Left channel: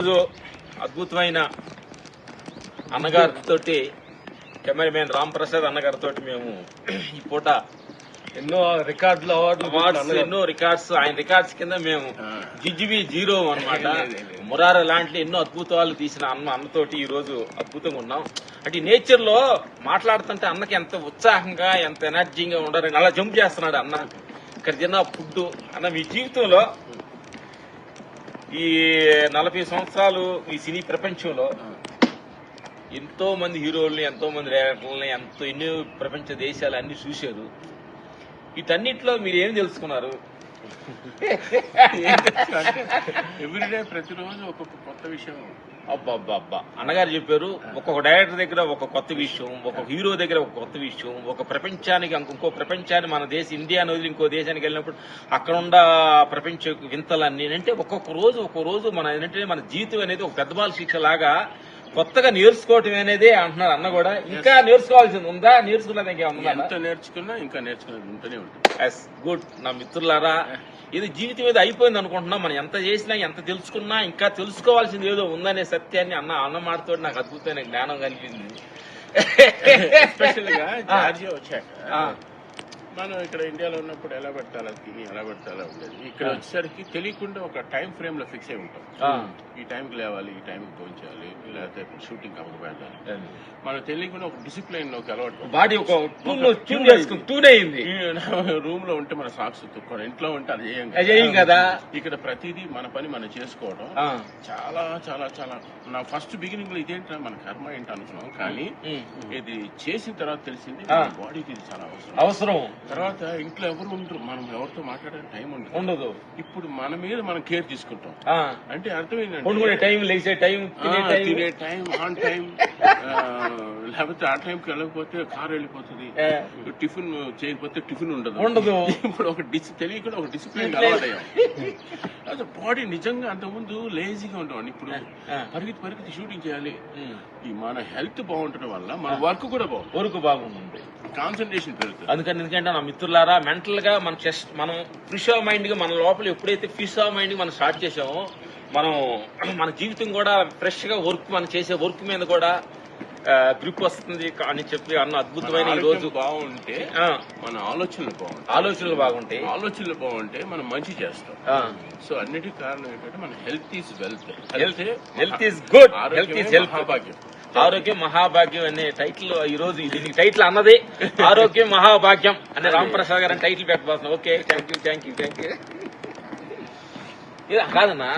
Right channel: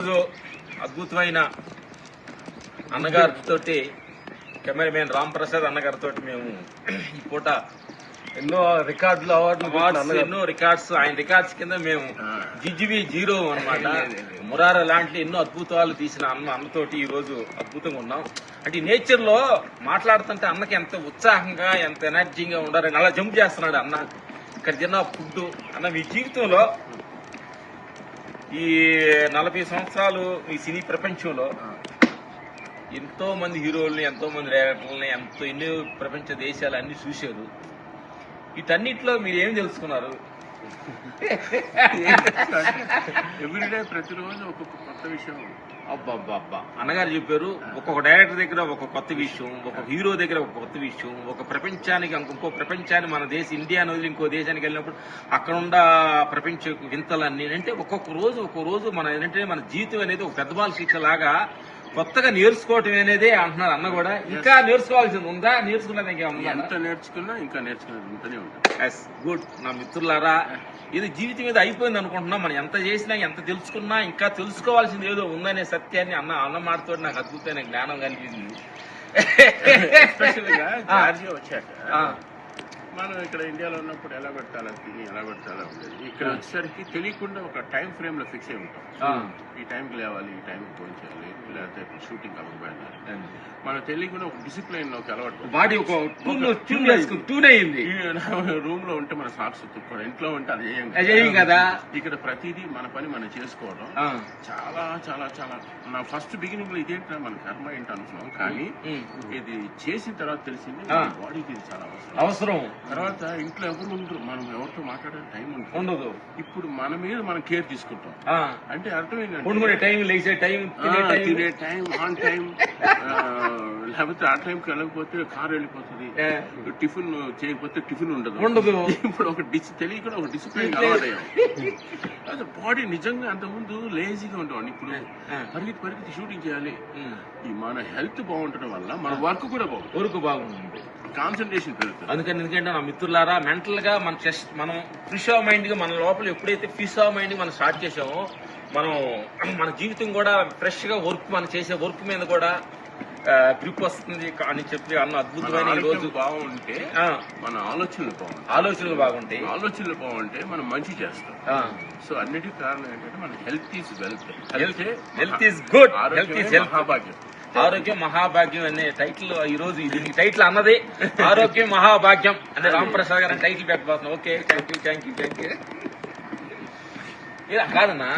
రోజు అద్భుతమైన అన్నగారితో కెమెరామెన్ రామ్ ప్రసాద్ అన్నగారితో మేము ఈ పూట ఎన్నో రికార్డులు అవార్డులు ఎన్నో రికార్డ్స్ ఆయన రికార్డ్స్ కింద మేము జిజిబి జీరో అనమాట మురార లాంటి ఎన్నో అద్భుతాలు తీసిన అన్న అన్నతోటి ఈ రోజు అద్భుతంగా ఉన్నాం. అంటే నేచర్లో మాట్లాడుతుంటే అన్నకి ఎంత ఉత్సాహంగా ఎంత ఎనర్జీగా ఉండాలని అలా జంప్ చేస్తున్నాడు అన్న. ఇక్కడ తిన్న ఫుడ్ అన్న మీ జీవితంలో ఈ నలభై సంవత్సరాలు ఈ సినీ ప్రపంచంలో ఎంతో మంది హీరోల్ని ఎంతో మంది డైరెక్టర్లని ఎంతో ఎన్నో ప్రపంచ దేశాలు అన్ని చూశారు. వీటన్నిటిలో మీరు ఏం తెలుసుకున్నారు? ఎవ్రీడే ప్రతిరోజు ఒక్కొక్క కొత్త విషయం. అబ్బా అబ్బా అబ్బా అన్నగారు చెప్పారు ఒక్కొక్క డైరెక్టర్ దగ్గర ఒక కొత్త విషయం ఒక హీరో దగ్గర ఒక కొత్త విషయం ఒక ప్రపంచానికి ఇంకో ప్రపంచాన్ని మన దేశ ఇండియా వదిలి ఇంకో దేశానికి వెళ్ళినప్పుడు అక్కడ ఉన్న ప్రపంచ వింతలన్నీ అంటే ఒక్కొక్క రోజు ఒక్కొక్క రోజు మన ఏంటంటే మన జీవితం అనేది ఒక పెద్ద బాల శిక్ష లాగా కొత్తగా నేర్చుకోవటం అనేది అంటున్నారు అన్న కూడా. ఇంకా నేర్చుకోవాల్సింది ఉందా? నేర్చుకున్నది ఇంకేమన్నా ఎంత నేర్చుకున్నా ఇంకా ఉంటూనే ఉంటుంది. ఎస్ గుడ్ నా మిత్రులారా ఇది జీవితం మీద అయిపోయింది అనుకుంటున్నా. మనం ఎంత చేసినా ఎంత తెలుసుకున్నా ఇంకా తెలుసుకోవాల్సింది ఏదో ఉందనే సత్యాన్ని అన్న అన్న మాటతో నాకు అద్భుతమైన జ్ఞానం కలిగింది. ఎస్పెషల్గా జార్జియా వచ్చాక. మనం ఇక్కడ ఇండియాలో ఉన్నప్పుడు ఎలా పెట్టాలో తిని ఎలా పెట్టాలో ఉండేది. ఇక్కడ వచ్చేసరికి తెలియకుండా ఒక టైం ఫ్రేమ్లో ఫిక్స్ అయి ఉంటాం. ఈ టైంకి లేవాలి ఈ టైంకి చేయాలి లేకపోతే షూటింగ్ అవ్వకపోయాలి మనం తెలియకుండా ఒక డిసిప్లైన్లోకి అలవాటు బాడీ ఒక రూమ్లో ఉంటే మన సాక్స్ తుక్కోవడం ఇంట్లో ఉంటే అది చేయం కదా. ఇక్కడ ప్రతిదీ మన పని మనం చేసుకోవడం. చాలా చాలా చాలా. నా ఫస్ట్ బిగినింగ్లో ఇదేంటా మన కర్మ ఏంటి అనుకున్నాం కానీ. ఇది చేసిన తర్వాత తెలిసింది. బాడీకి ఇది చాలా అవసరం. అవసరం. తర్వాత ఇంట్లో ఎవరు ఉండరు. మనం ఎవరితో మాట్లాడే టైం ఉండదు. ఉండదు. ఇప్పుడు మన మీద మనం కేర్ తీసుకుంటాం. అంటే అర్థం ఏంటంటే పండుకునే టైం లేచే టైం తినే టైం. ఆన్ టైం లేకపోతే ఆ టైంకి వెళ్ళకపోతే కార్ వెళ్ళిపోతుంది. టిఫిన్ చేయకపోతే టిఫిన్ ఉండదు. ఉండదు. ఇప్పుడు ఒక డిస్ తెలియకుండా ఒక డిసిప్లిన్ అలవాటయ్యాం. అదే బాడీ నిజంగా అంతకుముందు లేజీగా ఉండేవాడిని. ఇప్పుడు. పరిగెత్తి పరిగెత్తి షూటింగ్ చేయాలి. ఈ మన హెల్త్ బాగుండటం వల్ల మన వర్క్ కూడా బాగుంటుంది. ఊరుకు బాగుంది కాన్సన్ట్రేషన్ పెరుగుతుంది. అందుకని ఎందుకంటే నా మిత్రులారా మెంటల్గా మన చెస్ట్ మనం ఫ్రిష్ ఆఫ్ మైండ్గా మన లోపల ఎప్పుడైతే ఫిష్ ఆఫ్ మైండ్ మనం స్టార్ట్ చేసామో మనం మన జీవితం కూడా ఫ్రెష్గా వర్క్ మనం చేసే వర్క్ మీద కూడా గ్రిప్ వస్తుంది అని చెప్పి అన్న మన అద్భుతమైన ఈ రోజు బాగుంటే మన ఆలోచనలు బాగుంటాయి. ఆలోచనలు బాగుంటాయి. ఆలోచనలు బాగుంటే మనం మంచి చేస్తాం. సో అన్నిటికీ కారణం ఏంటంటే మన health is wealth health health is good health is health మహాభాగ్యం. ఆరోగ్యం మహాభాగ్యం అనే టైటిల్ ఈ రోజు దీనికి టైటిల్ అన్నది. ఆరోగ్యం మహాభాగ్యం అనే రామప్రసాద్ గారు title పెట్టబోతున్నాం. Okay thank you thank you thank you కాదన్నా.